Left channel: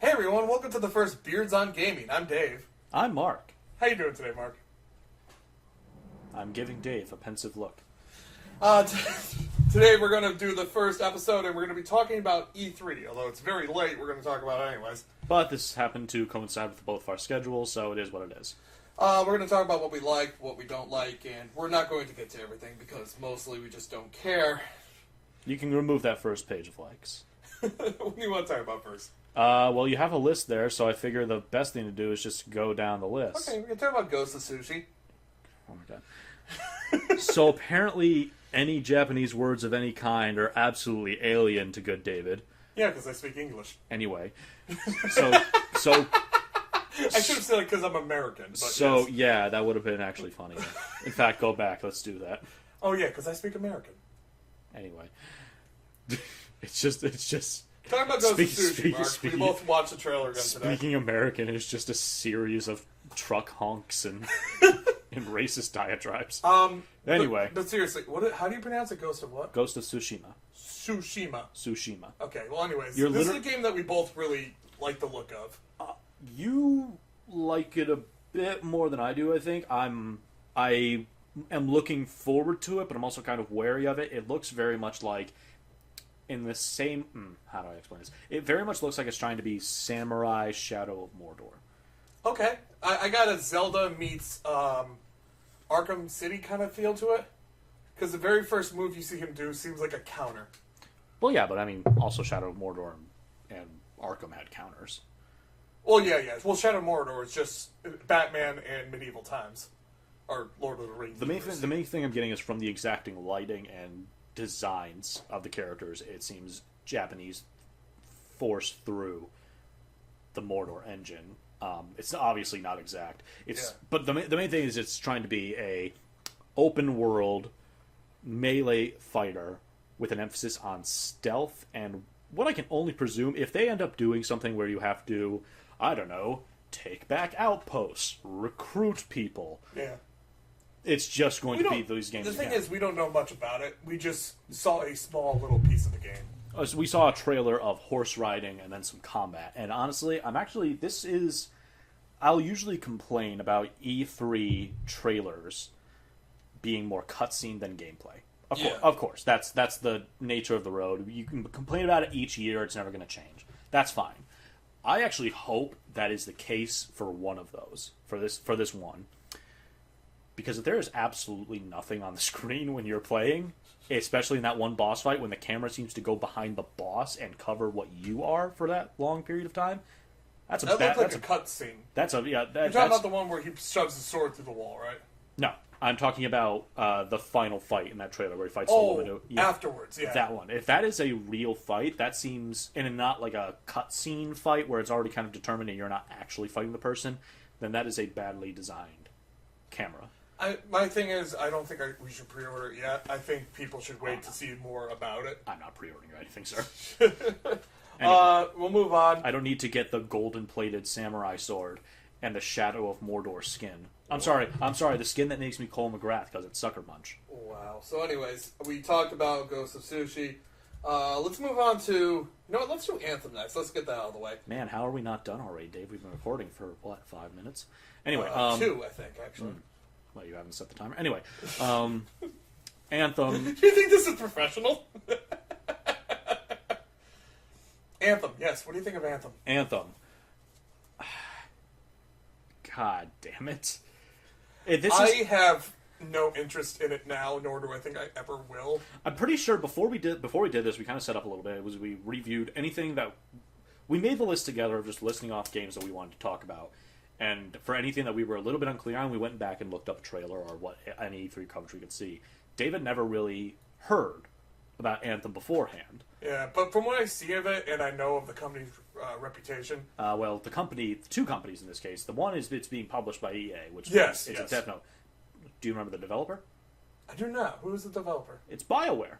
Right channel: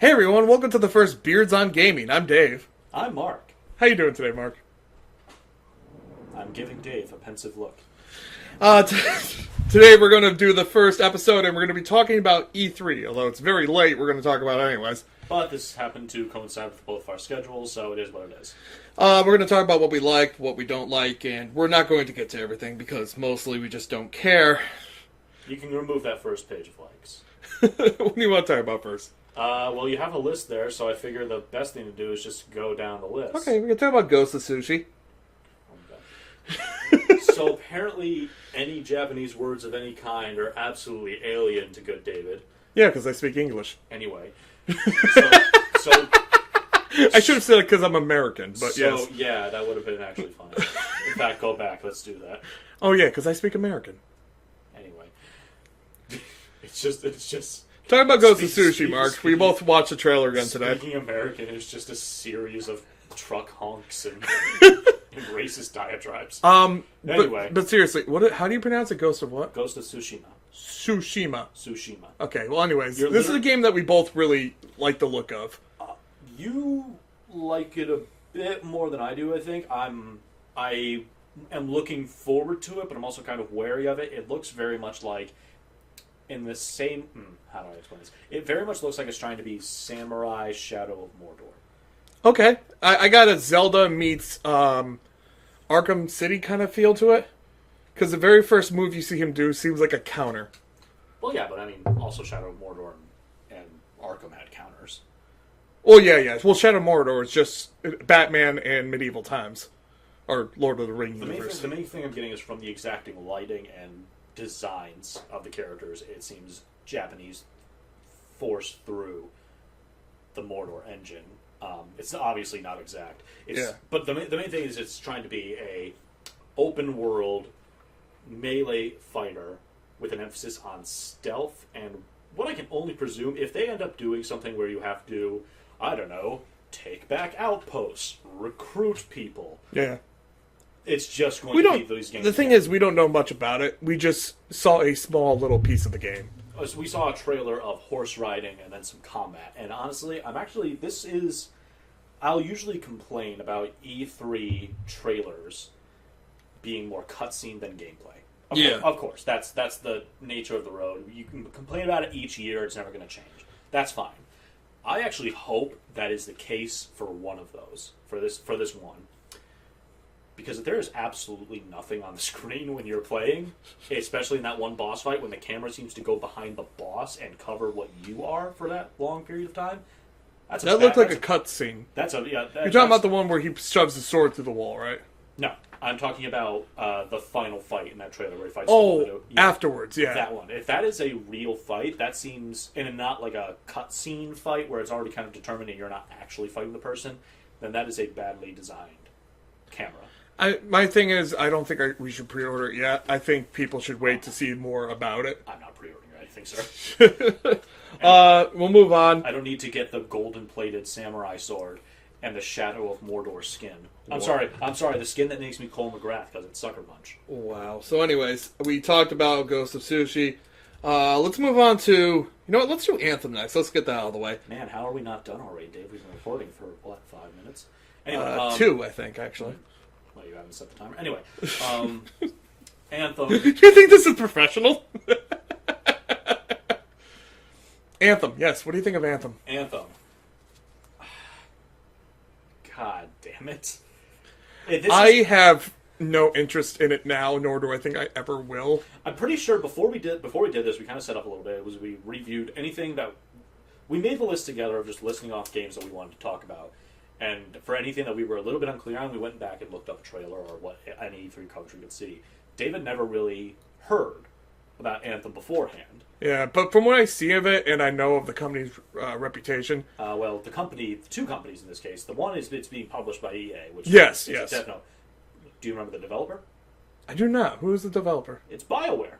Hey everyone, welcome to the first Beards on Gaming. I'm Dave. I'm Mark. How you doing today, Mark? I'm giving Dave a pensive look. Today we're going to do the first episode and we're going to be talking about E3. Although it's very late, we're going to talk about it anyways. But this happened to coincide with both of our schedules, so it is what it is. We're going to talk about what we like, what we don't like, and we're not going to get to everything because mostly we just don't care. You can remove that first page of likes. What do you want to talk about first? Well, you have a list there, so I figure the best thing to do is just go down the list. Okay, we can talk about Ghost of Sushi. Okay. So apparently, any Japanese words of any kind are absolutely alien to good David. Yeah, because I speak English. Anyway, so I should have said it because I'm American, but yes. Yeah, that would have been actually funny. In fact, go back. Let's do that. Oh yeah, because I speak American. Anyway, it's just. Talking about Ghost of Sushi, Mark. We both watched the trailer again today. Speaking American is just a series of truck honks and and racist diatribes. Anyway, but seriously, how do you pronounce it? Ghost of what? Ghost of Tsushima. Tsushima. Okay. Well, anyways, This is a game that we both really like the look of. You like it a bit more than I do, I think. I am looking forward to it, but I'm also kind of wary of it. It looks very much like in the same... how do I explain this? It very much looks like it's trying to be Samurai Shadow of Mordor. Okay. I got a Zelda meets Arkham City kind of feel to it. Because the very first move you see him do seems like a counter. Well, yeah, but I mean, also Shadow of Mordor and Arkham had counters. Well, yeah. Well, Shadow of Mordor is just Batman and medieval times. Or Lord of the Rings. The main thing I'm getting is from the exacting lighting and designs of the characters. It seems Japanese forced through the Mordor engine. It's obviously not exact. But the main thing is it's trying to be a open world melee fighter with an emphasis on stealth and what I can only presume, if they end up doing something where you have to, I don't know, take back outposts, recruit people. Yeah. It's just going to be these games. The thing is, we don't know much about it. We just saw a small little piece of the game. So we saw a trailer of horse riding and then some combat. And honestly, I'll usually complain about E3 trailers being more cutscene than gameplay. Of course. That's the nature of the road. You can complain about it each year. It's never going to change. That's fine. I actually hope that is the case for one of those. For this one. Because if there is absolutely nothing on the screen when you're playing, especially in that one boss fight when the camera seems to go behind the boss and cover what you are for that long period of time, that looked like a cutscene. You're talking about the one where he shoves his sword through the wall, right? No, I'm talking about the final fight in that trailer where he fights. Afterwards, yeah. That one. If that is a real fight, that seems, and not like a cutscene fight where it's already kind of determined and you're not actually fighting the person, then that is a badly designed camera. My thing is, I don't think we should pre-order it yet. I think people should wait to see more about it. I'm not pre-ordering anything, sir. Anyway, we'll move on. I don't need to get the golden-plated samurai sword and the Shadow of Mordor skin. I'm sorry, the skin that makes me Cole McGrath because it's Sucker Punch. Wow. So anyways, we talked about Ghost of Sushi. Let's move on to... You know what? Let's do Anthem next. Let's get that out of the way. Man, how are we not done already, Dave? We've been recording for, 5 minutes? Anyway, 2, I think, actually. Well, you haven't set the timer. Anyway, Anthem. Do you think this is professional? Anthem, yes. What do you think of Anthem? Anthem. God damn it. I have no interest in it now, nor do I think I ever will. I'm pretty sure before we did this, we kind of set up a little bit. It was we reviewed anything that... We made the list together of just listing off games that we wanted to talk about. And for anything that we were a little bit unclear on, we went back and looked up a trailer or what any E3 coverage we could see. David never really heard about Anthem beforehand. Yeah, but from what I see of it, and I know of the company's reputation... the two companies in this case. The one is it's being published by EA, which yes. A Death Note. Do you remember the developer? I do not. Who is the developer? It's Bioware.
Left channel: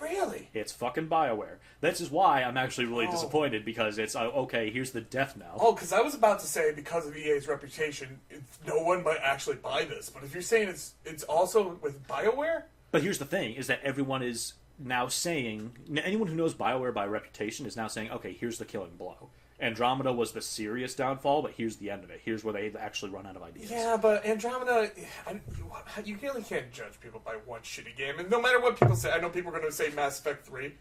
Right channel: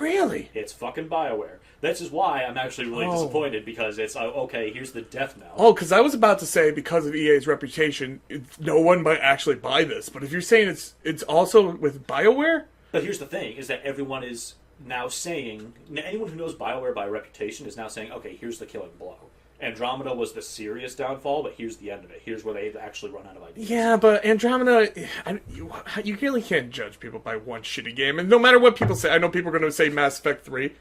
Really? It's fucking Bioware. This is why I'm actually really disappointed, because it's, okay, here's the death knell. Oh, because I was about to say, because of EA's reputation, no one might actually buy this. But if you're saying it's also with Bioware? But here's the thing, is that everyone is now saying, anyone who knows Bioware by reputation is now saying, okay, here's the killing blow. Andromeda was the serious downfall, but here's the end of it. Here's where they actually run out of ideas. Yeah, but Andromeda, you really can't judge people by one shitty game. And no matter what people say, I know people are going to say Mass Effect 3.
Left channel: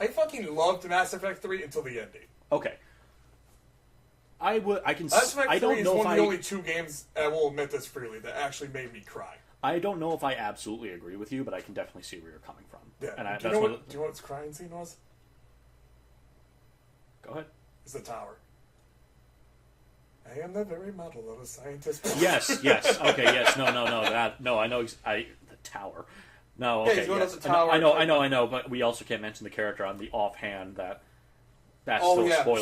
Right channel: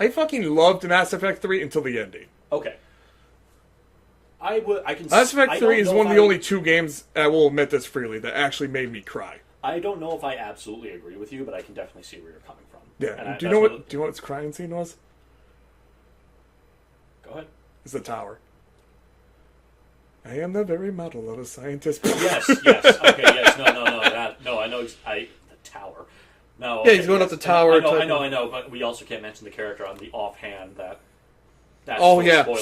I fucking loved Mass Effect 3 until the ending. Okay. I can. Mass Effect 3 is one of the only 2 games, and I will admit this freely, that actually made me cry. I don't know if I absolutely agree with you, but I can definitely see where you're coming from. Yeah. And do you know what its crying scene was? Go ahead. It's the tower. I am the very model of a scientist. Yes. Okay. Yes. No. I know. The tower. No. Okay, yeah, he's going up the tower. I know. But we also can't mention the character on the offhand that. That's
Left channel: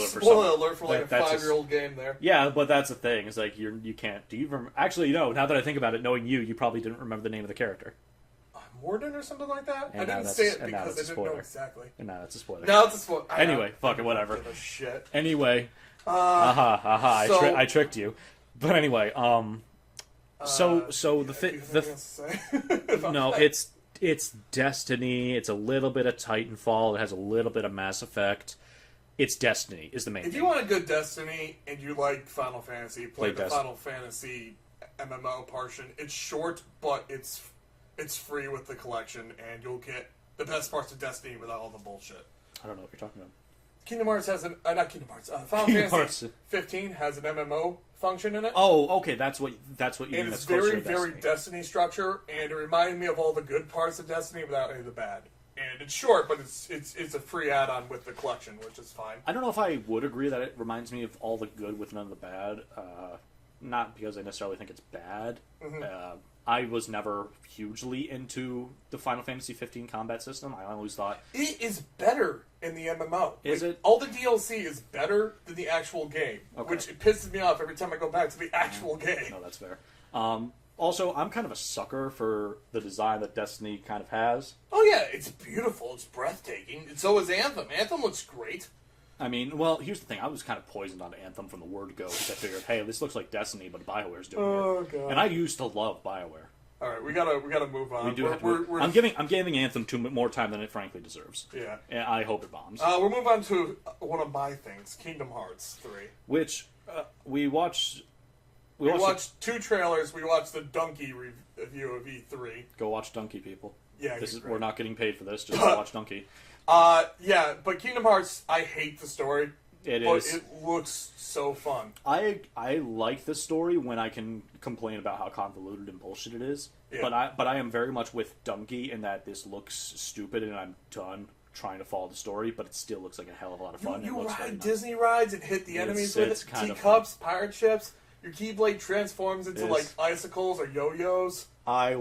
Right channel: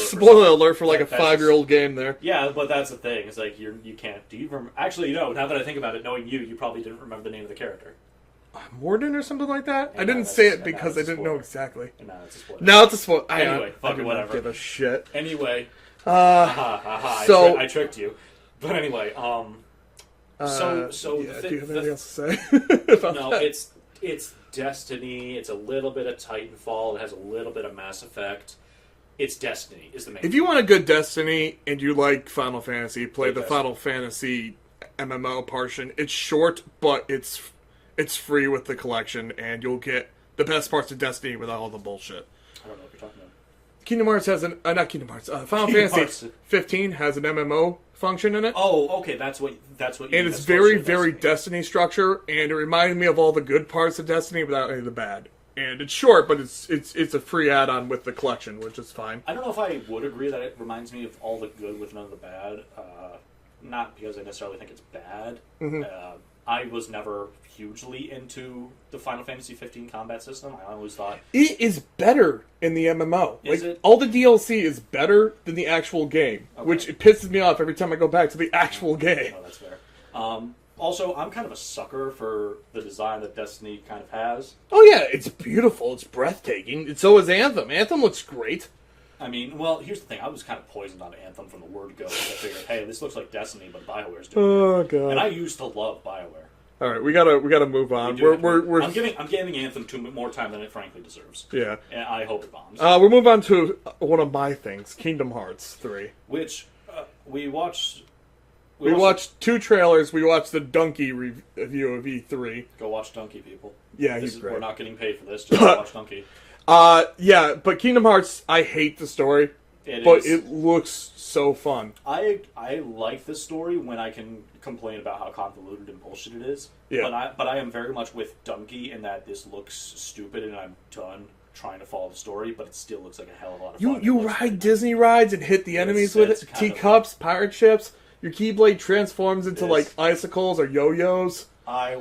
spoiler alert for like a 5-year-old game there. Yeah, but that's the thing. It's like you can't. Do you remember? Actually, no. Now that I think about it, knowing you probably didn't remember the name of the character. Morden or something like that. I didn't say it because I didn't know exactly. And now it's a spoiler. Now it's a spoiler. Anyway, fuck it, whatever. Give a shit. Anyway. So I tricked you. But anyway, so the thing. No, it's Destiny. It's a little bit of Titanfall. It has a little bit of Mass Effect. It's Destiny is the main. If you want a good Destiny and you like Final Fantasy, play the Destiny. Final Fantasy MMO portion. It's short, but it's free with the collection, and you'll get the best parts of Destiny without all the bullshit. I don't know what you're talking about. Kingdom Hearts has not Kingdom Hearts. Final Fantasy 15 has an MMO function in it. Oh, okay, that's what you mean. And it's very Destiny structure, and it reminded me of all the good parts of Destiny without any of the bad. And it's short, but it's a free add-on with the collection, which is fine. I don't know if I would agree that it reminds me of all the good with none of the bad. Not because I necessarily think it's bad. Mm-hmm. I was never hugely into the Final Fantasy 15 combat system. I always thought it is better in the MMO. Is it? All the DLC is better than the actual game, which it pisses me off every time I go back to the actual game. No, that's fair. Also, I'm kind of a sucker for the design that Destiny kind of has. Oh yeah, it's beautiful. It's breathtaking. And so is Anthem. Anthem looks great. I mean, well, here's the thing. I was kind of poisoned on Anthem from the word go because I figured, hey, this looks like Destiny, but Bioware's doing it. Oh god. And I used to love Bioware. All right, we gotta move on. I'm giving Anthem more time than it frankly deserves. Yeah. And I hope it bombs. We'll move on to one of my things, Kingdom Hearts 3, which we watched. We watched 2 trailers. We watched the Donkey review of E3. Go watch Donkey, people. Yeah, we're not getting paid for this. Just go watch Donkey. Yeah, but Kingdom Hearts, I hate the story. It looks so fun. I like the story when I can complain about how convoluted and bullshit it is. Yeah. But I am very much with Donkey in that this looks stupid and I'm done trying to follow the story, but it still looks like a hell of a lot of fun. You ride Disney rides and hit the enemies with it. Teacups, pirate ships. Your Keyblade transforms into like icicles or yo-yos. I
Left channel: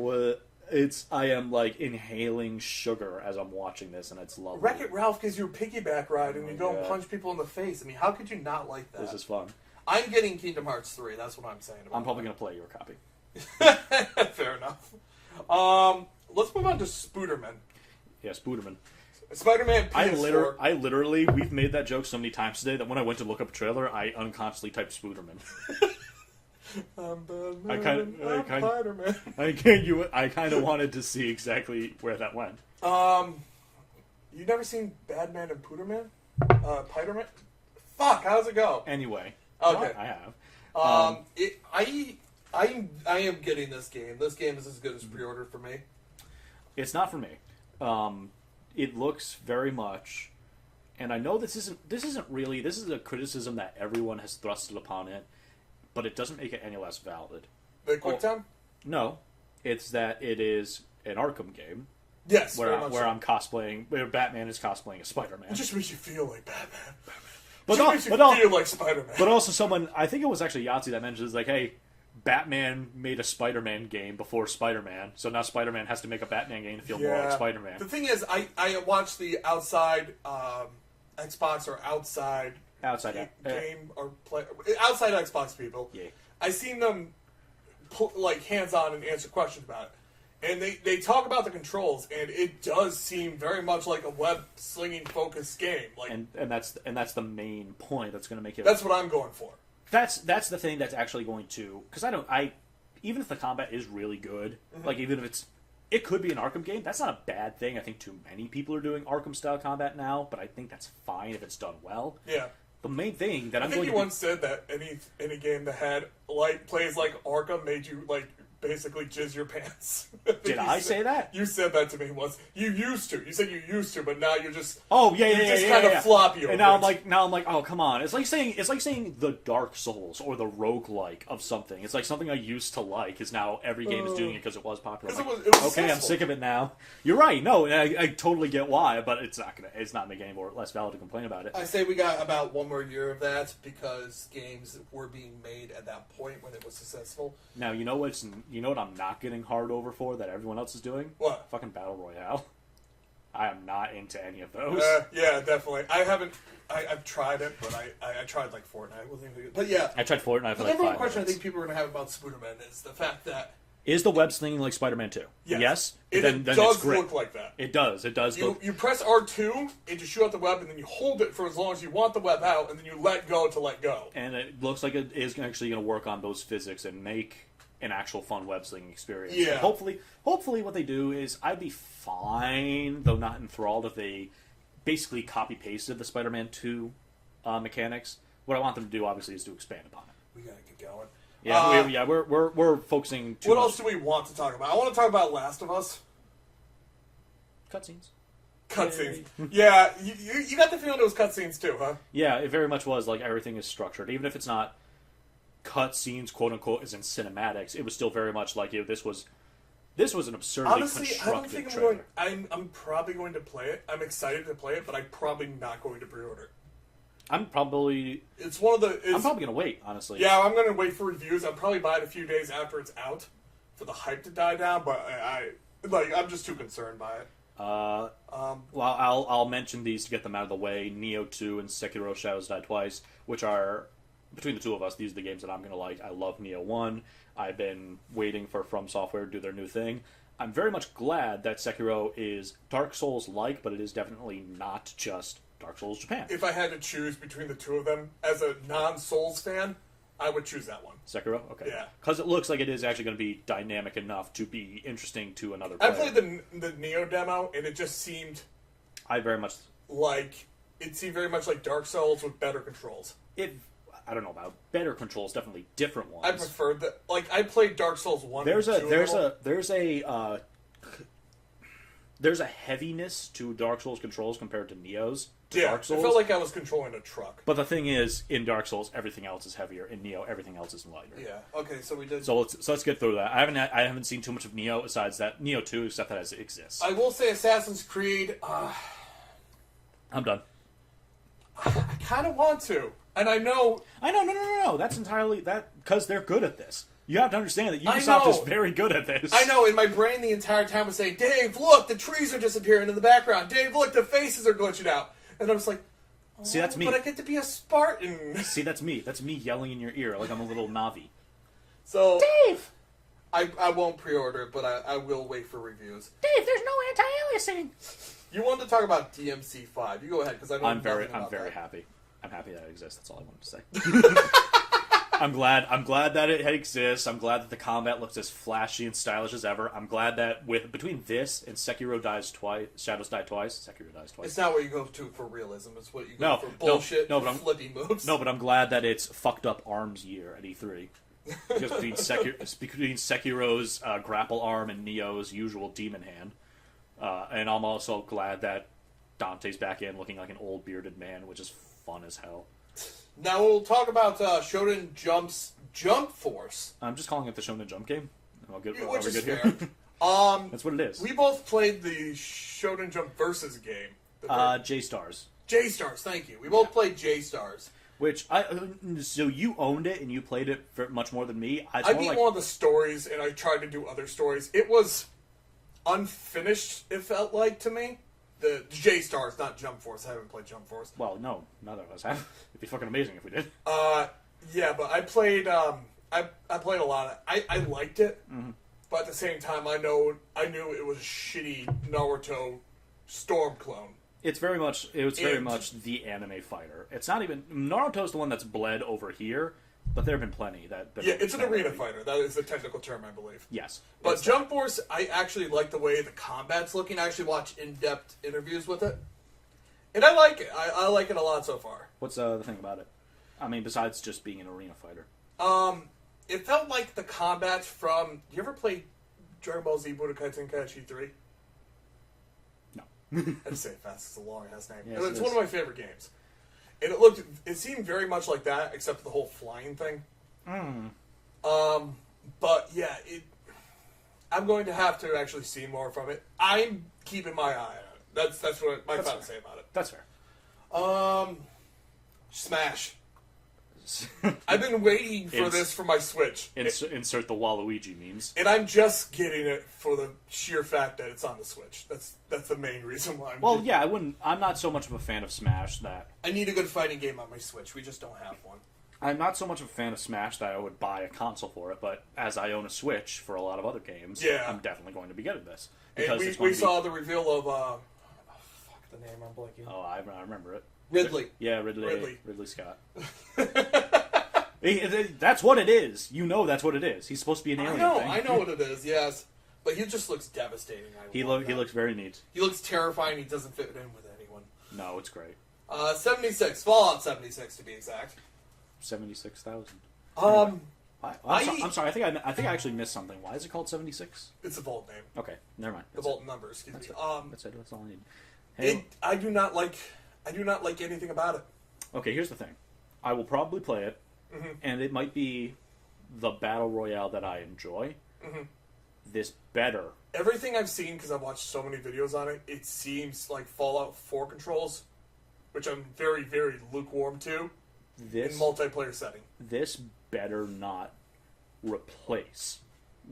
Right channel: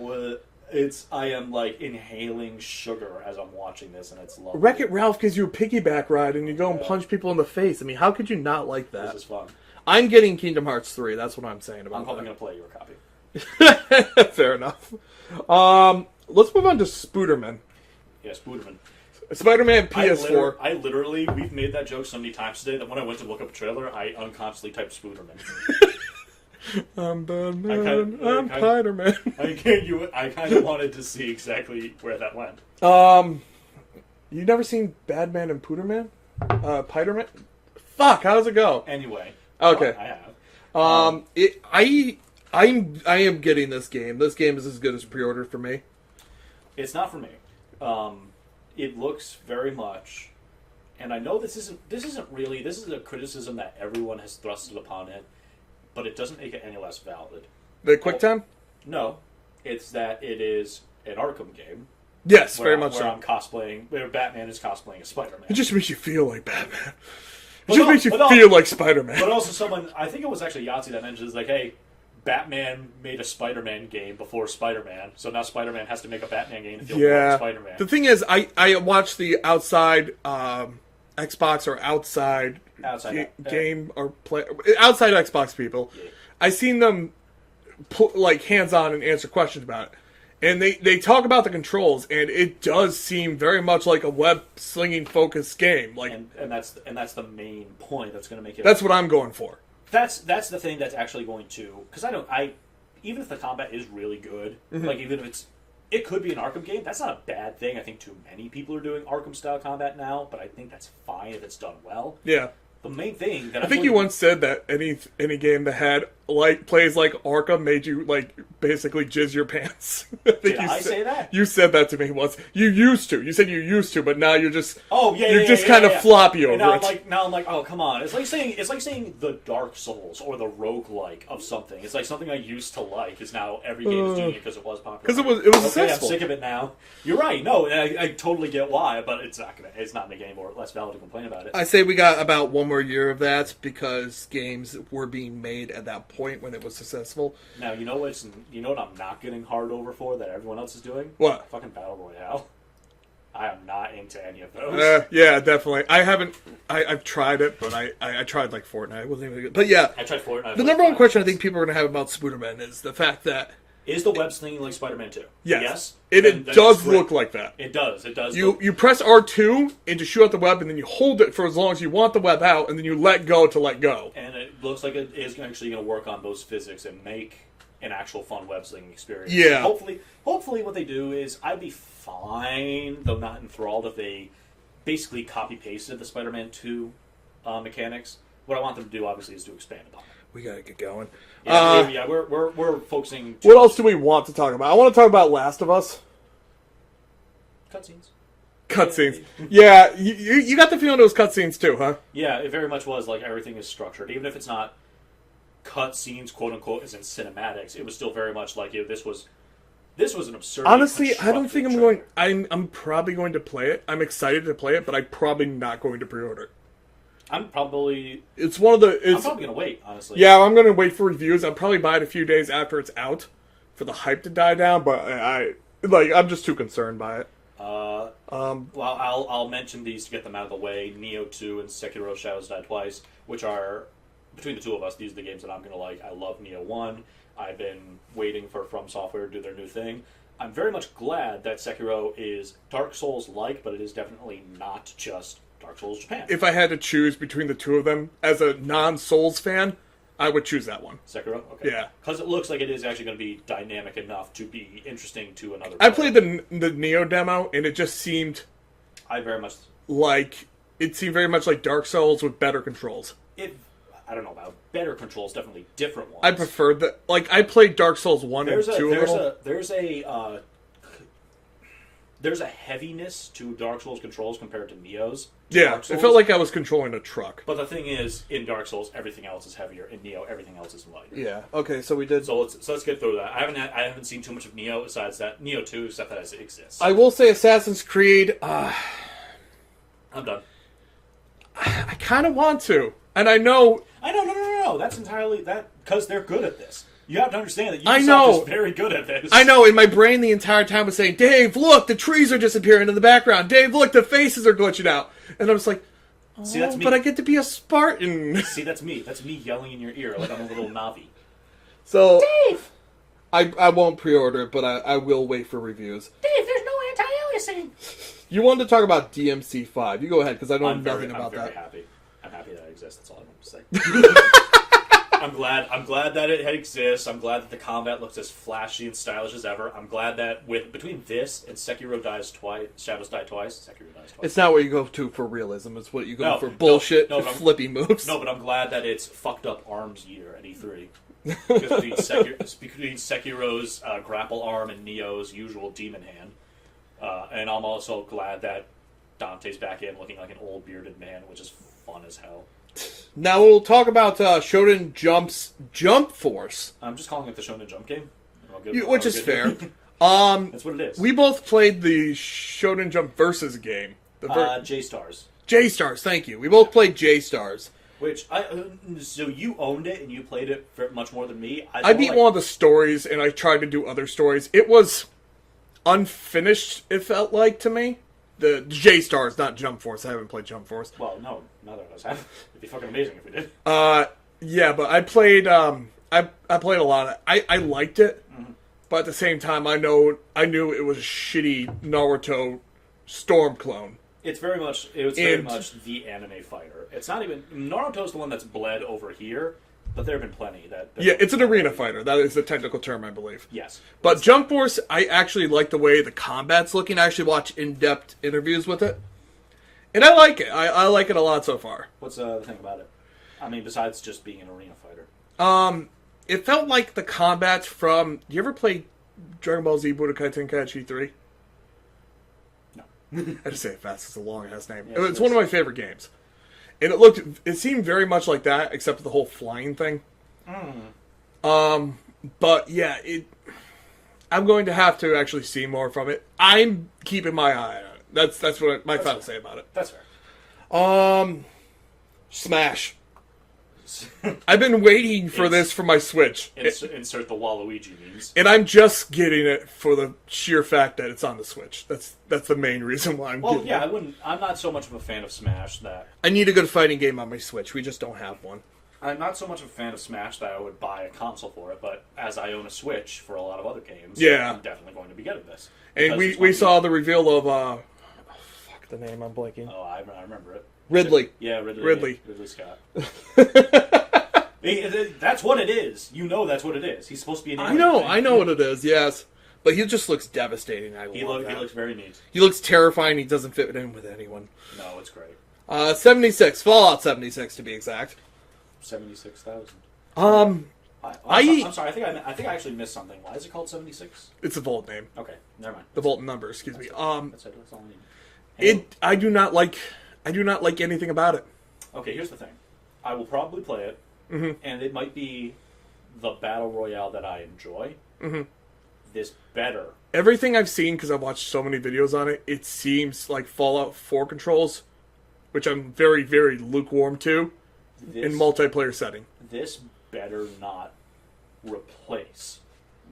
am like inhaling sugar as I'm watching this, and it's lovely. Wreck-It Ralph gives you a piggyback ride, and you go and punch people in the face. I mean, how could you not like that? This is fun. I'm getting Kingdom Hearts 3. That's what I'm saying about I'm probably going to play your copy. Fair enough. Let's move on to Spooderman. Yeah, Spooderman. Spider-Man PS4. I literally, we've made that joke so many times today that when I went to look up a trailer, I unconsciously typed Spooderman. I'm Batman. I'm Spider-Man. I kind of wanted to see exactly where that went. You never seen Badman and Pooderman? Piderman? Fuck, how does it go? Anyway. Okay. I have. I am getting this game. This game is as good as pre-order for me. It's not for me. It looks very much, and I know this isn't really. This is a criticism that everyone has thrusted upon it, but it doesn't make it any less valid. The QuickTime? No, it's that it is an Arkham game. Yes, very much where I'm cosplaying, where Batman is cosplaying as Spider-Man. It just makes you feel like Batman. It just makes you feel like Spider-Man. But also I think it was actually Yahtzee that mentioned, like, hey, Batman made a Spider-Man game before Spider-Man, so now Spider-Man has to make a Batman game to feel more like Spider-Man. The thing is, I watched the outside Xbox or outside game or play outside Xbox people. Yeah. I seen them put like hands-on and answer questions about it. And they talk about the controls, and it does seem very much like a web slinging focused game. Like, and that's the main point that's going to make it. That's what I'm going for. That's the thing that's actually going to, because even if the combat is really good, like even if it could be an Arkham game, that's not a bad thing. I think too many people are doing Arkham style combat now, but I think that's fine if it's done well. Yeah. The main thing that I think you once said that any game that had plays like Arkham made you basically jizz your pants. Did I say that? You said that to me once. You used to. You said you used to, but now you're just you're just kind of floppy over it. Now I'm like, oh come on! It's like saying the Dark Souls or the roguelike of something. It's like something I used to like is now every game is doing it because it was popular. Because it was okay. successful. I'm sick of it now. You're right. No, I totally get why, but it's not making it any more less valid to complain about it. I say we got about one more year of that because games were being made at that point when it was successful. Now you know what I'm not getting hard over for that everyone else is doing? What? Fucking Battle Royale. I am not into any of those. Yeah, definitely. I haven't. I've tried it, but I tried like Fortnite. It wasn't even good. But yeah, I tried Fortnite. The number one question I think people are going to have about Spooderman is the fact that is the web slinging like Spider-Man 2? Yes. It does look like that. It does. You press R2 and to shoot out the web, and then you hold it for as long as you want the web out, and then you let go to let go. And it looks like it is actually going to work on those physics and make an actual fun web slinging experience. Yeah. And hopefully what they do is I'd be fine, though not enthralled, if they basically copy-pasted the Spider-Man 2 mechanics. What I want them to do, obviously, is to expand upon it. We gotta get going. Yeah, we're focusing. What else do we want to talk about? I want to talk about Last of Us. Cutscenes. Yeah, you got the feeling it was cutscenes too, huh? Yeah, it very much was. Like everything is structured, even if it's not cutscenes, quote unquote, as in cinematics. It was still very much like this was an absurd. Honestly, I don't think I'm going. I'm probably going to play it. I'm excited to play it, but I'm probably not going to pre-order it. I'm probably. It's one of the. I'm probably gonna wait, honestly. Yeah, I'm gonna wait for reviews. I'll probably buy it a few days after it's out, for the hype to die down. But I'm just too concerned by it. Well, I'll mention these to get them out of the way. Neo 2 and Sekiro: Shadows Die Twice, which are between the two of us, these are the games that I'm gonna like. I love Neo 1. I've been waiting for From Software to do their new thing. I'm very much glad that Sekiro is Dark Souls-like, but it is definitely not just Dark Souls Japan. If I had to choose between the two of them, as a non-Souls fan, I would choose that one. Sekiro? Okay. Yeah. Because it looks like it is actually going to be dynamic enough to be interesting to another player. I played the Neo demo, and it just seemed... It seemed very much like Dark Souls with better controls. I don't know about better controls, definitely different ones. I preferred that. I played Dark Souls 1 and 2 There's a heaviness to Dark Souls controls compared to Neo's. Yeah, Dark Souls. It felt like I was controlling a truck. But the thing is, in Dark Souls, everything else is heavier. In Neo, everything else is lighter. Yeah. Okay, so we did. So let's get through that. I haven't seen too much of Neo besides that Neo 2, except that it exists. I will say Assassin's Creed. I'm done. I kind of want to, and I know. No. That's entirely that because they're good at this. You have to understand that Ubisoft is very good at this. I know. In my brain, the entire time was saying, "Dave, look, the trees are disappearing in the background. Dave, look, the faces are glitching out." And I was like, "Oh, see, that's me. But I get to be a Spartan." See, that's me. That's me yelling in your ear like I'm a little Navi. So, Dave, I won't pre-order it, but I will wait for reviews. Dave, there's no anti-aliasing. You wanted to talk about DMC5. You go ahead, because I know nothing about that. I'm very happy. I'm happy that it exists. That's all I wanted to say. I'm glad that it exists. I'm glad that the combat looks as flashy and stylish as ever. I'm glad that between this and Shadows Die Twice. It's not what you go to for realism. It's what you go for bullshit and flippy moves. No, but I'm glad that it's fucked up arms year at E3. Because between Sekiro's grapple arm and Neo's usual demon hand. And I'm also glad that Dante's back in looking like an old bearded man, which is fun as hell. Now we'll talk about Shonen Jump's Jump Force. I'm just calling it the Shonen Jump game. Which is fair. That's what it is. We both played the Shonen Jump Versus game. J-Stars. J-Stars, thank you. We both played J-Stars. Which, so you owned it and you played it for much more than me. I beat one of the stories and I tried to do other stories. It was unfinished, it felt like to me. The J-Stars, not Jump Force. I haven't played Jump Force. Well, no, neither of us have. It'd be fucking amazing if we did. Yeah, but I played. I played a lot of. I liked it, but at the same time, I knew it was a shitty Naruto Storm clone. It's very much. Very much the anime fighter. It's not even Naruto's the one that's bled over here. But there have been plenty that... Yeah, it's an arena fighter. That is the technical term, I believe. Yes. But Jump Force, I actually like the way the combat's looking. I actually watch in-depth interviews with it. And I like it. I like it a lot so far. What's the thing about it? I mean, besides just being an arena fighter. It felt like the combat from... Do you ever play Dragon Ball Z Budokai Tenkaichi 3? No. I just say it fast. It's a long-ass name. Yes, It's one of my favorite games. And it seemed very much like that, except for the whole flying thing. But yeah, I'm going to have to actually see more from it. I'm keeping my eye on it. That's what my thought to say about it. That's fair. Smash. I've been waiting for this for my Switch. Insert the Waluigi memes. And I'm just getting it for the sheer fact that it's on the Switch. That's the main reason why I'm getting it. I'm not so much of a fan of Smash that... I need a good fighting game on my Switch. We just don't have one. I'm not so much of a fan of Smash that I would buy a console for it, but as I own a Switch for a lot of other games, I'm definitely going to be getting this. And we saw the reveal of... fuck the name, I'm blanking. Oh, I remember it. Ridley. Yeah, Ridley Scott. That's what it is. You know that's what it is. He's supposed to be an alien. I know what it is, yes. But he just looks devastating. He looks very neat. He looks terrifying. He doesn't fit in with anyone. No, it's great. 76. Fallout 76 to be exact. 76,000. I'm sorry. I think I actually missed something. Why is it called 76? It's a vault name. Okay, never mind. The vault number. Excuse me. That's all I need. I do not like anything about it. Okay, here's the thing. I will probably play it, and it might be the battle royale that I enjoy. This better. Everything I've seen, because I've watched so many videos on it, it seems like Fallout 4 controls, which I'm very, very lukewarm to, in multiplayer setting. This better not replace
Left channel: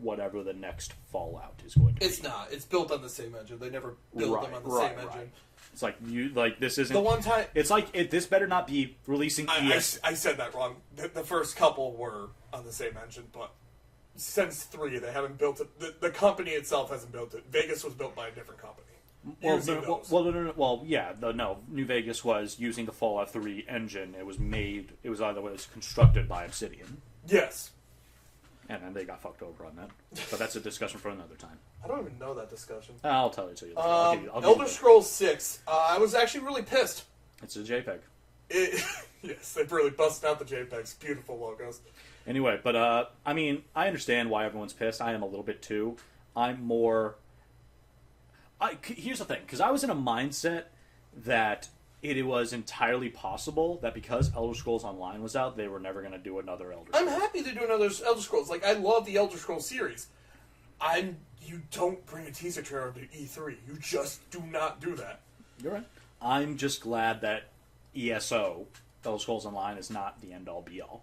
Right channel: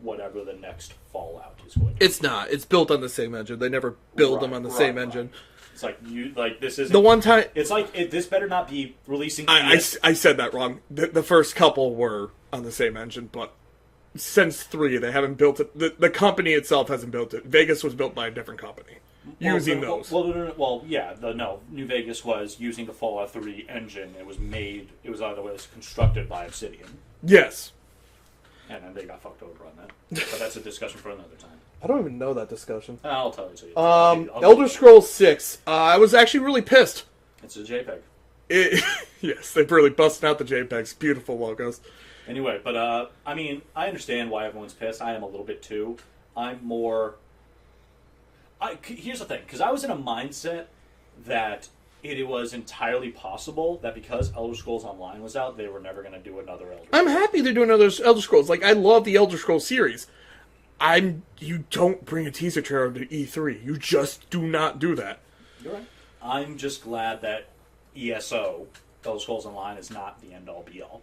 whatever the next Fallout is going to be. It's not. It's built on the same engine. They never build them on the same engine. It's like this isn't... The one time... It's like, this better not be releasing... I said that wrong. The first couple were on the same engine, but since 3, they haven't built it. The company itself hasn't built it. Vegas was built by a different company. Using those. New Vegas was using the Fallout 3 engine. It was constructed by Obsidian. Yes. And then they got fucked over on that. But that's a discussion for another time. I don't even know that discussion. I'll tell it to you. Elder Scrolls 6. I was actually really pissed. It's a JPEG. Yes, they've really busted out the JPEGs. Beautiful logos. Anyway, but I mean, I understand why everyone's pissed. I am a little bit too. Here's the thing, because I was in a mindset that it was entirely possible that because Elder Scrolls Online was out, they were never going to do another Elder Scrolls. I'm happy they're doing another Elder Scrolls. Like, I love the Elder Scrolls series. You don't bring a teaser trailer to E3. You just do not do that. You're right. I'm just glad that ESO, Elder Scrolls Online, is not the end-all, be-all.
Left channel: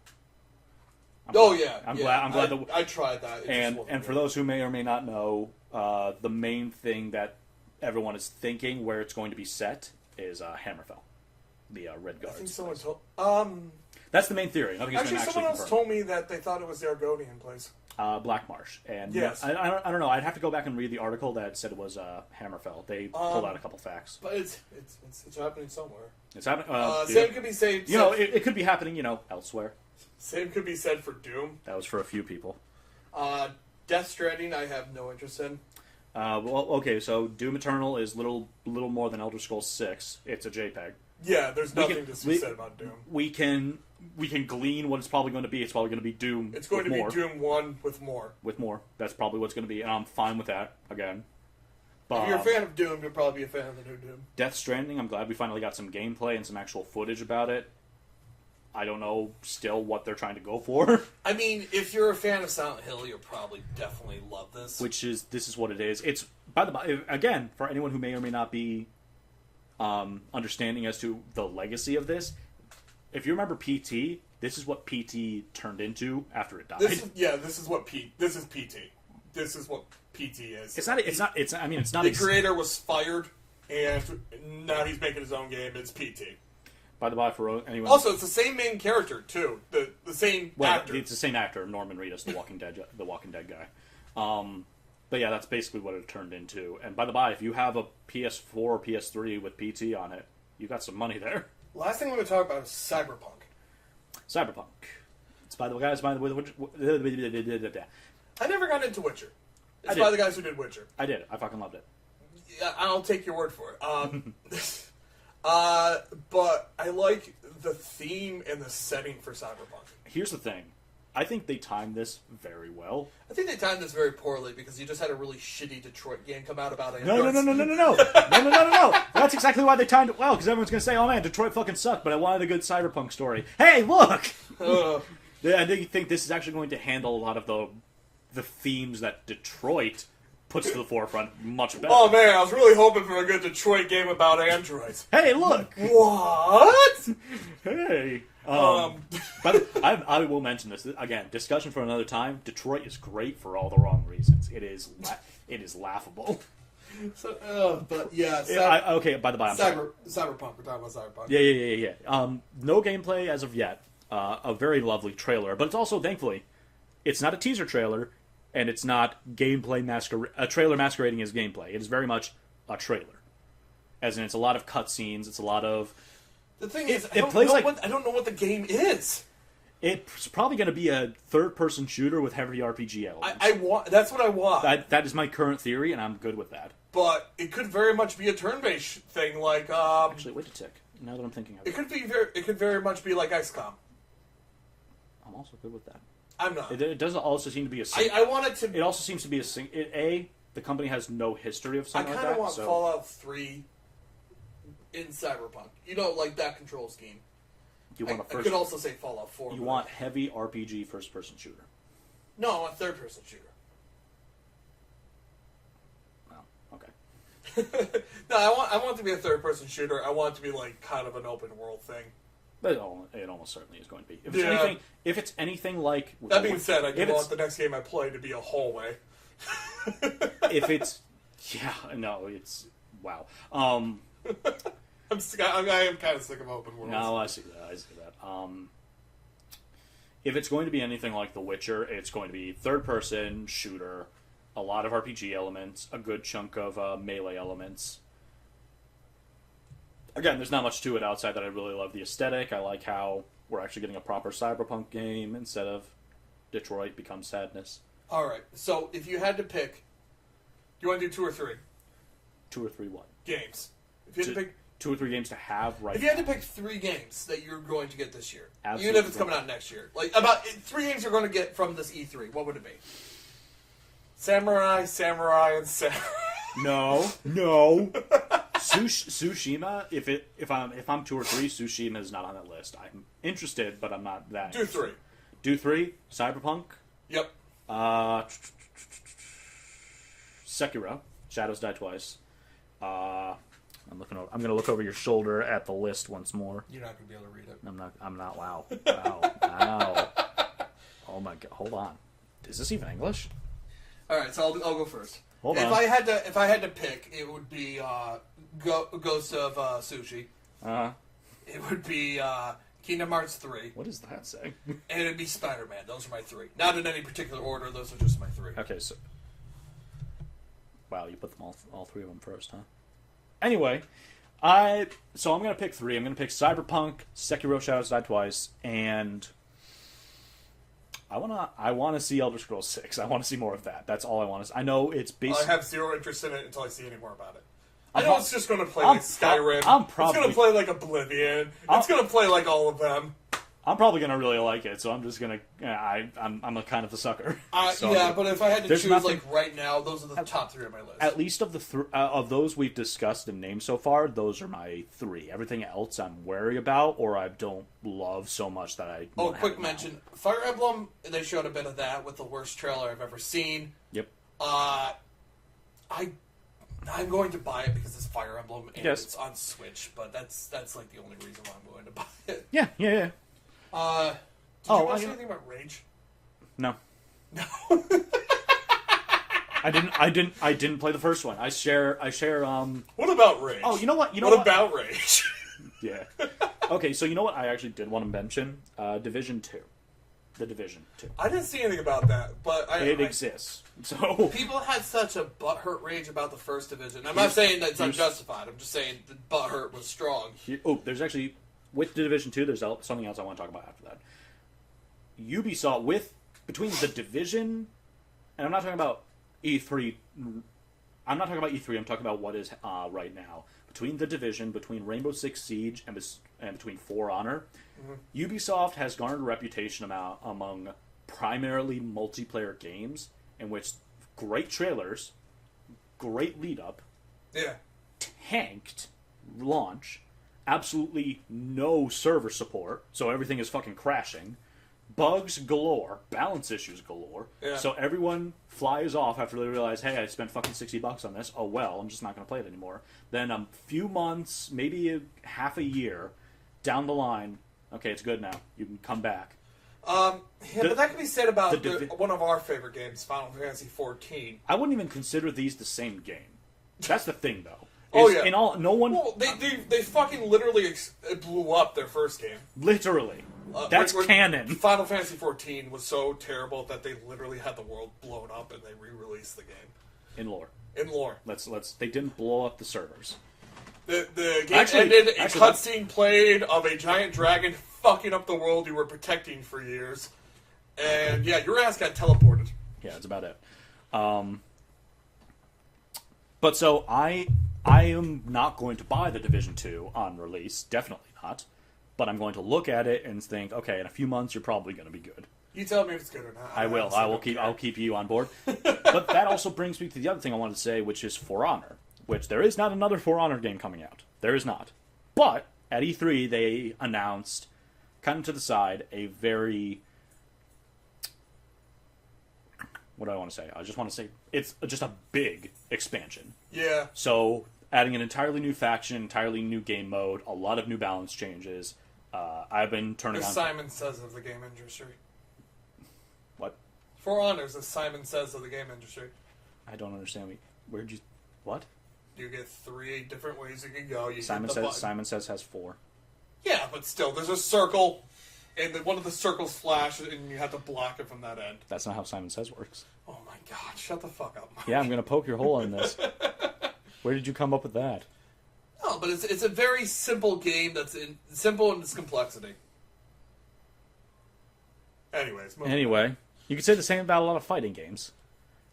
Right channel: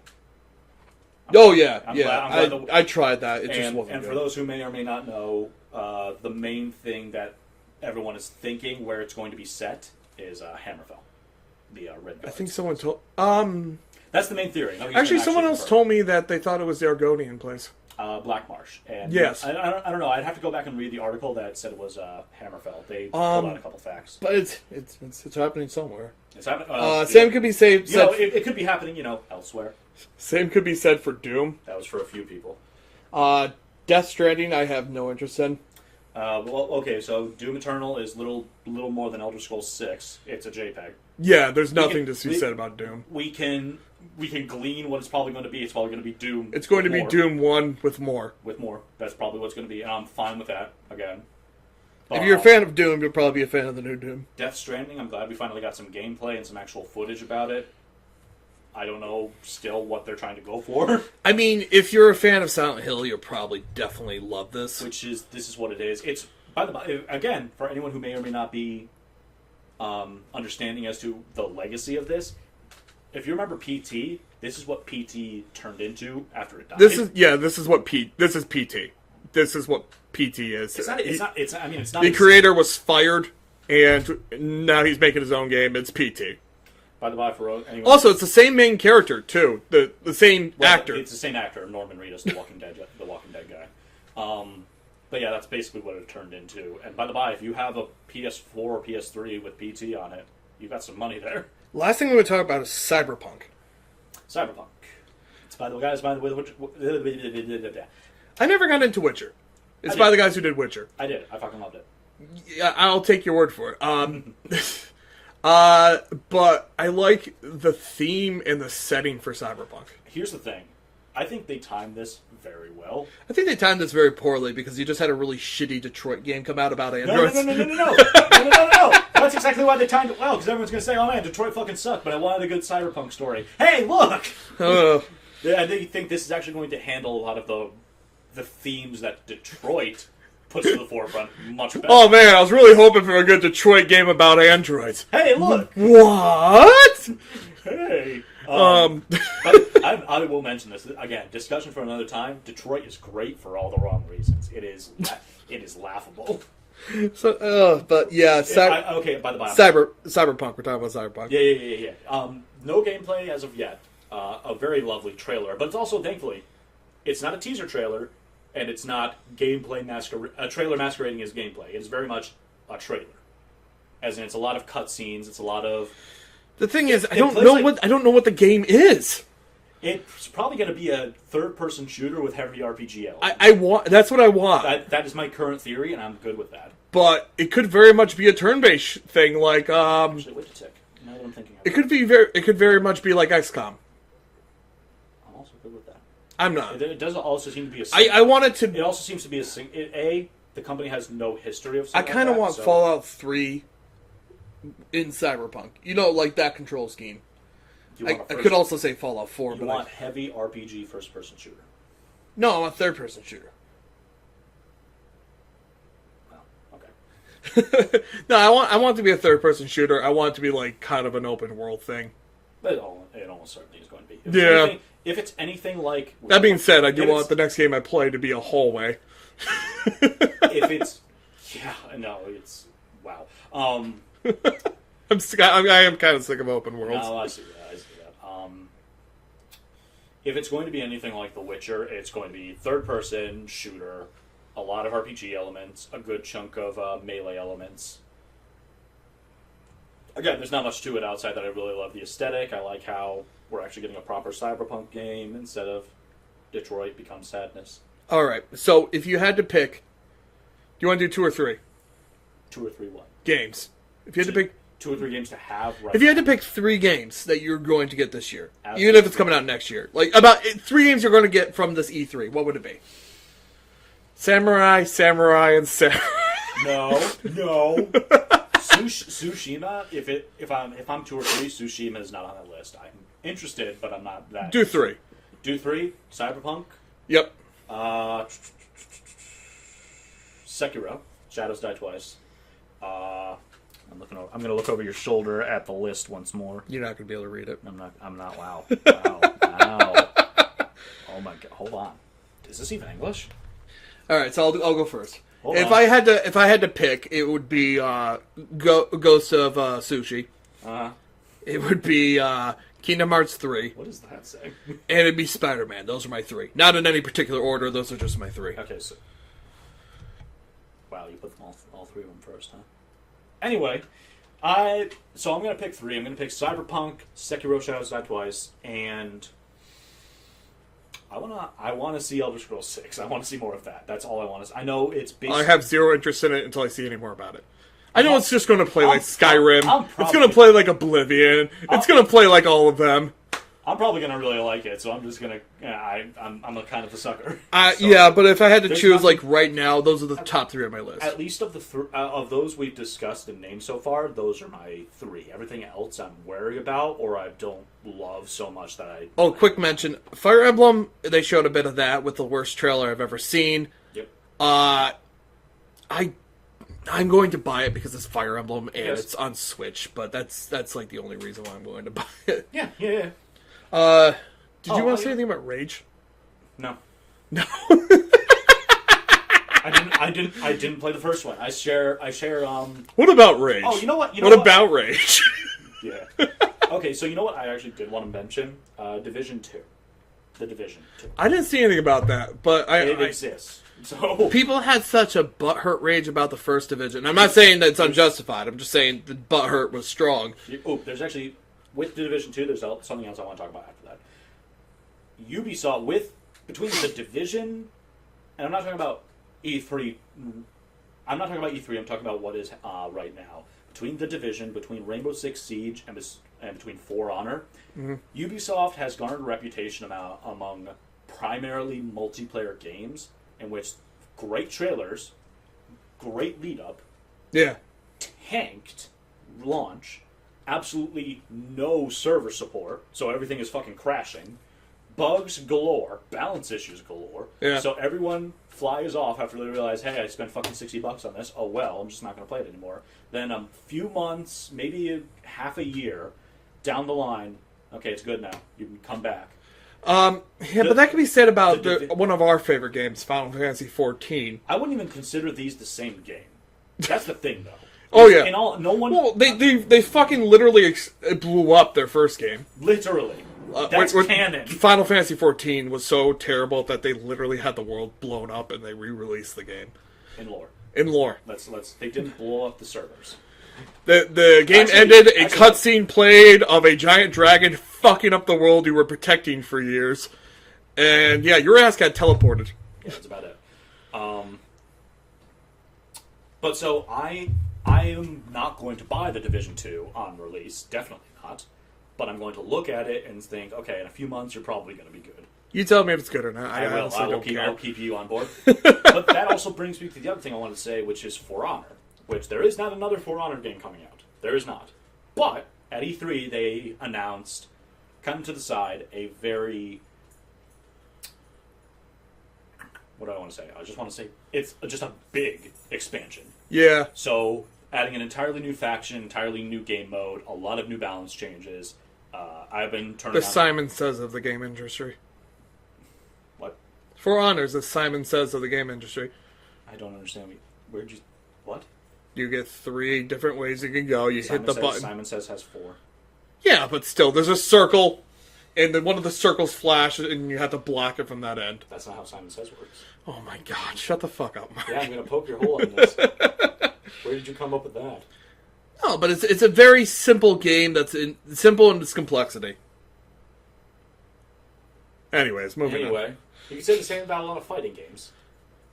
I'm glad I tried that. It just wasn't good. For those who may or may not know, the main thing that everyone is thinking where it's going to be set is Hammerfell, the Red Guards. I think someone told... That's the main theory. Actually, someone else told me that they thought it was the Argonian place. Black Marsh. And yes. I don't know. I'd have to go back and read the article that said it was Hammerfell. They pulled out a couple facts. But it's happening somewhere. It's happening. Same could be said. It could be happening, elsewhere. Same could be said for Doom. That was for a few people. Death Stranding, I have no interest in. So Doom Eternal is little more than Elder Scrolls 6. It's a JPEG. Yeah, there's nothing to be said about Doom. We can glean what it's probably going to be. It's probably going to be Doom. It's going to be Doom 1 with more. With more. That's probably what it's going to be, and I'm fine with that, again. If you're a fan of Doom, you'll probably be a fan of the new Doom. Death Stranding, I'm glad we finally got some gameplay and some actual footage about it. I don't know still what they're trying to go for. I mean, if you're a fan of Silent Hill, you'll probably definitely love this. This is what it is. It's, by the way, again, for anyone who may or may not be understanding as to the legacy of this, if you remember PT, this is what PT turned into after it died. This is what PT. This is PT. This is what PT is. It's not. The creator was fired, and now he's making his own game. It's PT. By the way, for anyone. Also, it's the same main character too. The same actor. It's the same actor, Norman Reedus, the Walking Dead guy. But yeah, that's basically what it turned into. And by the by, if you have a PS4 or PS3 with PT on it, you got some money there. Last thing we're going to talk about is Cyberpunk. It's by the guys. By the way, I never got into Witcher. It's by the guys who did Witcher. I did. I fucking loved it. Yeah, I'll take your word for it. But I like the theme and the setting for Cyberpunk. Here's the thing. I think they timed this very well. I think they timed this very poorly because you just had a really shitty Detroit game come out about androids. No. That's exactly why they timed it well, because everyone's going to say, oh man, Detroit fucking sucked, but I wanted a good Cyberpunk story. Hey, look! I think this is actually going to handle a lot of the themes that Detroit puts to the forefront much better. Oh man, I was really hoping for a good Detroit game about androids. Hey, look! What? Hey. But I will mention this again. Discussion for another time. Detroit is great for all the wrong reasons. It is laughable. So, but yeah, okay. By the by, Cyberpunk. We're talking about Cyberpunk. Yeah. No gameplay as of yet. A very lovely trailer, but it's also thankfully, it's not a teaser trailer, and it's not gameplay a trailer masquerading as gameplay. It is very much a trailer, as in it's a lot of cutscenes. It's a lot of. The thing is, I don't know what the game is. It's probably going to be a third-person shooter with heavy RPG elements. I want. That's what I want. That is my current theory, and I'm good with that. But it could very much be a turn-based thing, like Actually, wait a tick. Now that I'm thinking of it, it could very much be like XCOM. I'm also good with that. I'm not. It does also seem to be a. I want it to. It also seems to be the company has no history of. I kind of want Fallout 3 in Cyberpunk. You know, like that control scheme. I could also say Fallout 4. You want heavy RPG first-person shooter? No, I want third-person shooter. Well, okay. No, I want it to be a third-person shooter. I want it to be like kind of an open-world thing. But it almost certainly is going to be. If it's anything like... That being said, I do want the next game I play to be a hallway. If it's... Yeah, no, it's... Wow. I am kind of sick of open worlds. No, I see that. If it's going to be anything like The Witcher, it's going to be third-person shooter, a lot of RPG elements, a good chunk of melee elements. Again, there's not much to it outside that I really love the aesthetic. I like how we're actually getting a proper Cyberpunk game instead of Detroit becomes sadness. All right. So if you had to pick, do you want to do 2 or 3? 2 or 3 what? Games. If you had to pick 2 or 3 games to have right If you had to pick 3 games that you're going to get this year, Absolutely. Even if it's coming out next year, like about 3 games you're going to get from this E3, what would it be? Samurai, and Samurai. No. Tsushima. If I'm 2 or 3, Tsushima is not on that list. I'm interested, but I'm not that. Do 3. Do 3. Cyberpunk. Yep. Sekiro. Shadows Die Twice. I'm going to look over your shoulder at the list once more. You're not going to be able to read it. I'm not. Wow. Wow. Oh my god. Hold on. Is this even English? All right, so I'll go first. Hold on. If I had to pick, it would be Ghost of Sushi. It would be Kingdom Hearts 3. What does that say? And it'd be Spider-Man. Those are my 3. Not in any particular order. Those are just my 3. Okay, so wow, you put them all 3 of them first, huh? Anyway, I'm going to pick 3. I'm going to pick Cyberpunk, Sekiro Shadows Die Twice, and I want to see Elder Scrolls 6. I want to see more of that. That's all I want to see. I know it's based... I have zero interest in it until I see any more about it. I know it's just going to play like Skyrim. It's going to play like Oblivion. It's going to play like all of them. I'm probably going to really like it, so I'm just going to... I'm a kind of a sucker. So, yeah, but if I had to choose like right now, those are the top 3 on my list. At least of those we've discussed and named so far, those are my 3. Everything else I'm wary about or I don't love so much that I... Oh, quick mention. Fire Emblem, they showed a bit of that with the worst trailer I've ever seen. Yep. I'm going to buy it because it's Fire Emblem and it's on Switch, but that's like the only reason why I'm going to buy it. Yeah. Did you want to say anything about Rage? No. No. I didn't play the first one. I share What about Rage? Oh, you know what? What about Rage? Yeah. Okay, so you know what I actually did want to mention? Division 2. The Division 2. I didn't see anything about that, but it exists. So people had such a butthurt rage about the first Division. I'm not saying that it's unjustified. I'm just saying the butthurt was strong. There's actually with the Division 2. There's something else I want to talk about after that. Ubisoft between the Division, and I'm not talking about E3. I'm not talking about E3. I'm talking about what is right now between The Division, between Rainbow Six Siege, and between For Honor, Ubisoft has garnered a reputation among primarily multiplayer games in which great trailers, great lead-up, tanked launch, absolutely no server support, so everything is fucking crashing, bugs galore, balance issues galore, so everyone flies off after they realize, hey, I spent fucking $60 on this, oh well, I'm just not going to play it anymore. Then a few months, maybe half a year down the line, okay, it's good now, you can come back. But that can be said about one of our favorite games, Final Fantasy XIV. I wouldn't even consider these the same game. That's the thing, though. No one. Well, they fucking literally blew up their first game. Literally, that's canon. Final Fantasy XIV was so terrible that they literally had the world blown up, and they re-released the game in lore. They didn't blow up the servers. The game ended. A cutscene played of a giant dragon fucking up the world you were protecting for years, and your ass got teleported. Yeah, that's about it. But so I am not going to buy The Division 2 on release, definitely not. But I'm going to look at it and think, okay, in a few months you're probably going to be good. You tell me if it's good or not. I will. I'll keep you on board. But that also brings me to the other thing I wanted to say, which is For Honor. Which there is not another For Honor game coming out. There is not. But at E3 they announced, kind of to the side, a very... What do I want to say? I just want to say it's just a big expansion. Yeah. So adding an entirely new faction, entirely new game mode, a lot of new balance changes. I've been turning on... The Simon Says of the game industry. What? For Honor is the Simon Says of the game industry. I don't understand. Where'd you... What? You get 3 different ways you can go. You hit the button. Simon Says has 4. Yeah, but still, there's a circle, and then one of the circles flashes, and you have to block it from that end. That's not how Simon Says works. Oh my god, shut the fuck up, Mark. Yeah, I'm going to poke your hole in this. Where did you come up with that? No, but it's a very simple game that's simple in its complexity. Anyways, moving on. You could say the same about a lot of fighting games.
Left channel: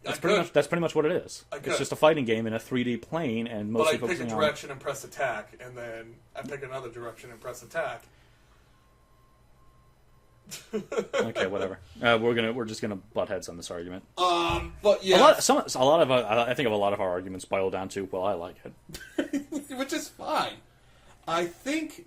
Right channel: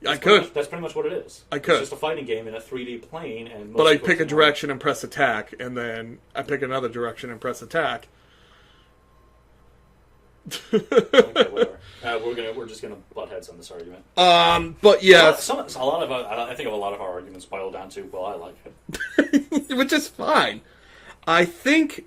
That's pretty much what it is. It's just a fighting game in a 3D plane, and but I pick a direction and press attack, and then I pick another direction and press attack. Okay, whatever. We're just gonna butt heads on this argument. But yeah, I think a lot of our arguments boil down to, well, I like it, which is fine. I think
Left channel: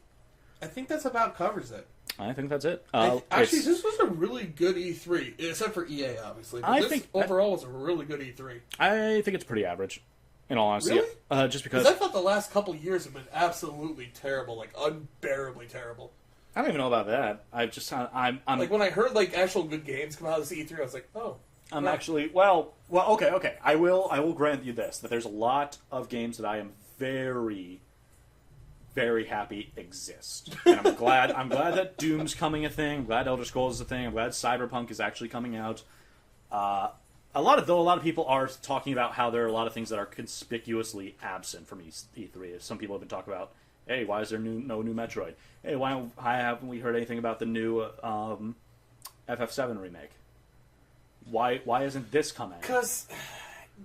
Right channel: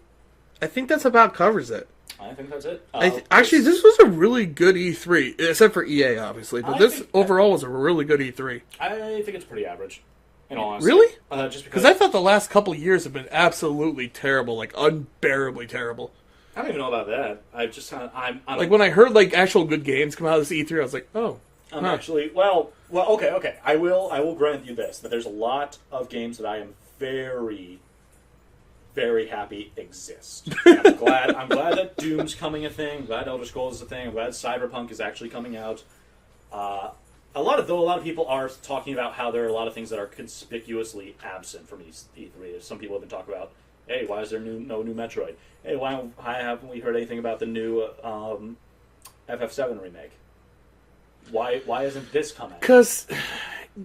that's about covers it. I think that's it. Actually, this was a really good E3, except for EA, obviously. But this overall was a really good E3. I think it's pretty average, in all honesty. Really? Just because I thought the last couple of years have been absolutely terrible, like unbearably terrible. I don't even know about that. I'm like when I heard like actual good games come out of this E3, I was like, oh. I'm actually okay. I will grant you this, that there's a lot of games that I am very, very happy exist. And I'm glad that Doom's coming a thing. I'm glad Elder Scrolls is a thing. I'm glad Cyberpunk is actually coming out. A lot of people are talking about how there are a lot of things that are conspicuously absent from E3. Some people have been talking about, hey, why is there no new Metroid? Hey, why haven't we heard anything about the new FF7 remake? Why isn't this coming? Because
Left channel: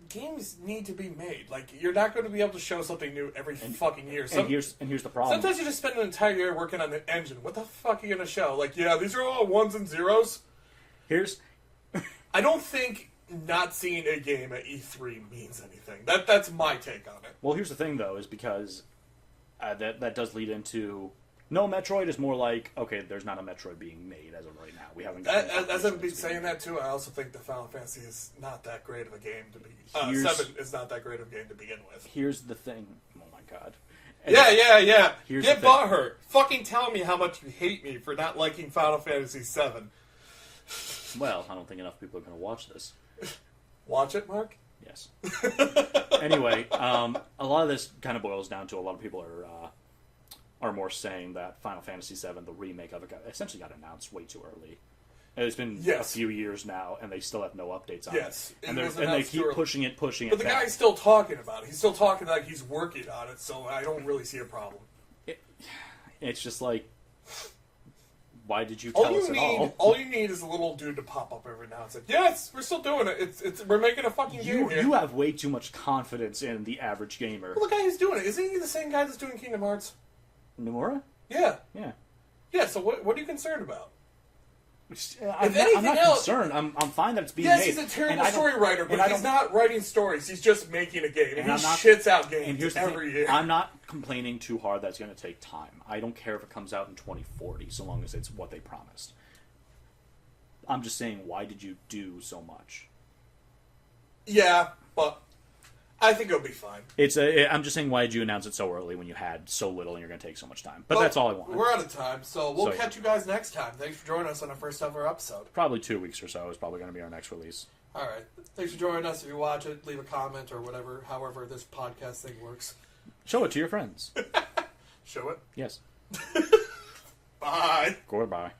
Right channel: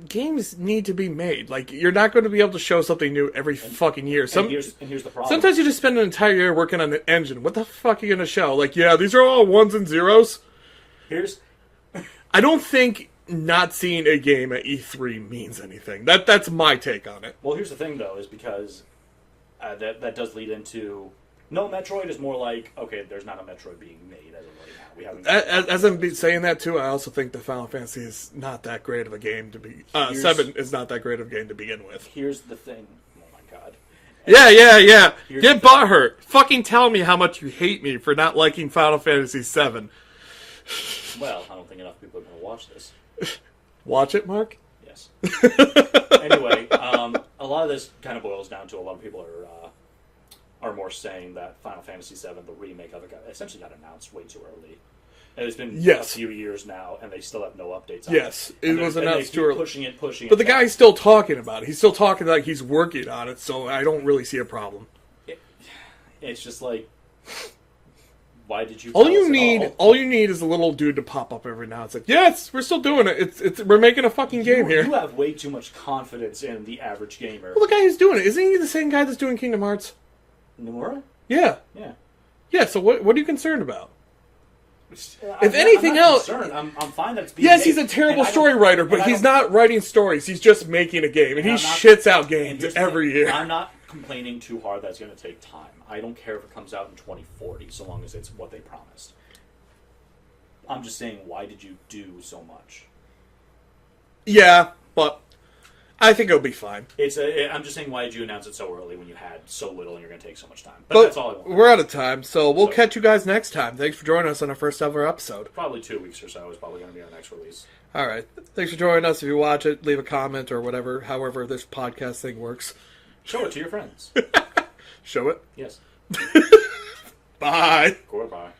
games need to be made. Like, you're not going to be able to show something new every fucking year. Here's the problem. Sometimes you just spend an entire year working on the engine. What the fuck are you going to show? Like, yeah, these are all ones and zeros. I don't think not seeing a game at E3 means anything. That's my take on it. Well, here's the thing, though, is because that does lead into... No, Metroid is more like, okay, there's not a Metroid being made as of right now. We haven't. As I'm saying that too, I also think the Final Fantasy is not that great of a game to be. 7 is not that great of a game to begin with. Here's the thing. Oh my god. Yeah. Get butthurt. Fucking tell me how much you hate me for not liking Final Fantasy 7. Well, I don't think enough people are going to watch this. Watch it, Mark? Yes. Anyway, a lot of this kind of boils down to a lot of people are more saying that Final Fantasy VII, the remake of it, essentially got announced way too early. And it's been a few years now, and they still have no updates on it. Yes, it was announced too early. Pushing it. But the guy's still talking about it. He's still talking like he's working on it, so I don't really see a problem. It's just like, why did you? Tell All you need is a little dude to pop up every now and then. Yes, we're still doing it. We're making a fucking game here. You have way too much confidence in the average gamer. Well, the guy who's doing it, isn't he the same guy that's doing Kingdom Hearts? Nomura? Yeah. Yeah. Yeah. So what are you concerned about? If anything else, I'm fine that it's being made. He's a terrible story writer, but he's not writing stories. He's just making a game, and he shits out games every year. I'm not complaining too hard that it's going to take time. I don't care if it comes out in 2040, so long as it's what they promised. I'm just saying, why did you do so much? Yeah, but I think it'll be fine. I'm just saying, why did you announce it so early when you had so little and you're going to take so much time? But that's all I want. We're out of time, so we'll catch you guys next time. Thanks for joining us on our first ever episode. Probably 2 weeks or so is probably going to be our next release. All right. Thanks for joining us. If you watch it, leave a comment or whatever, however this podcast thing works. Show it to your friends. Show it? Yes. Bye. Goodbye.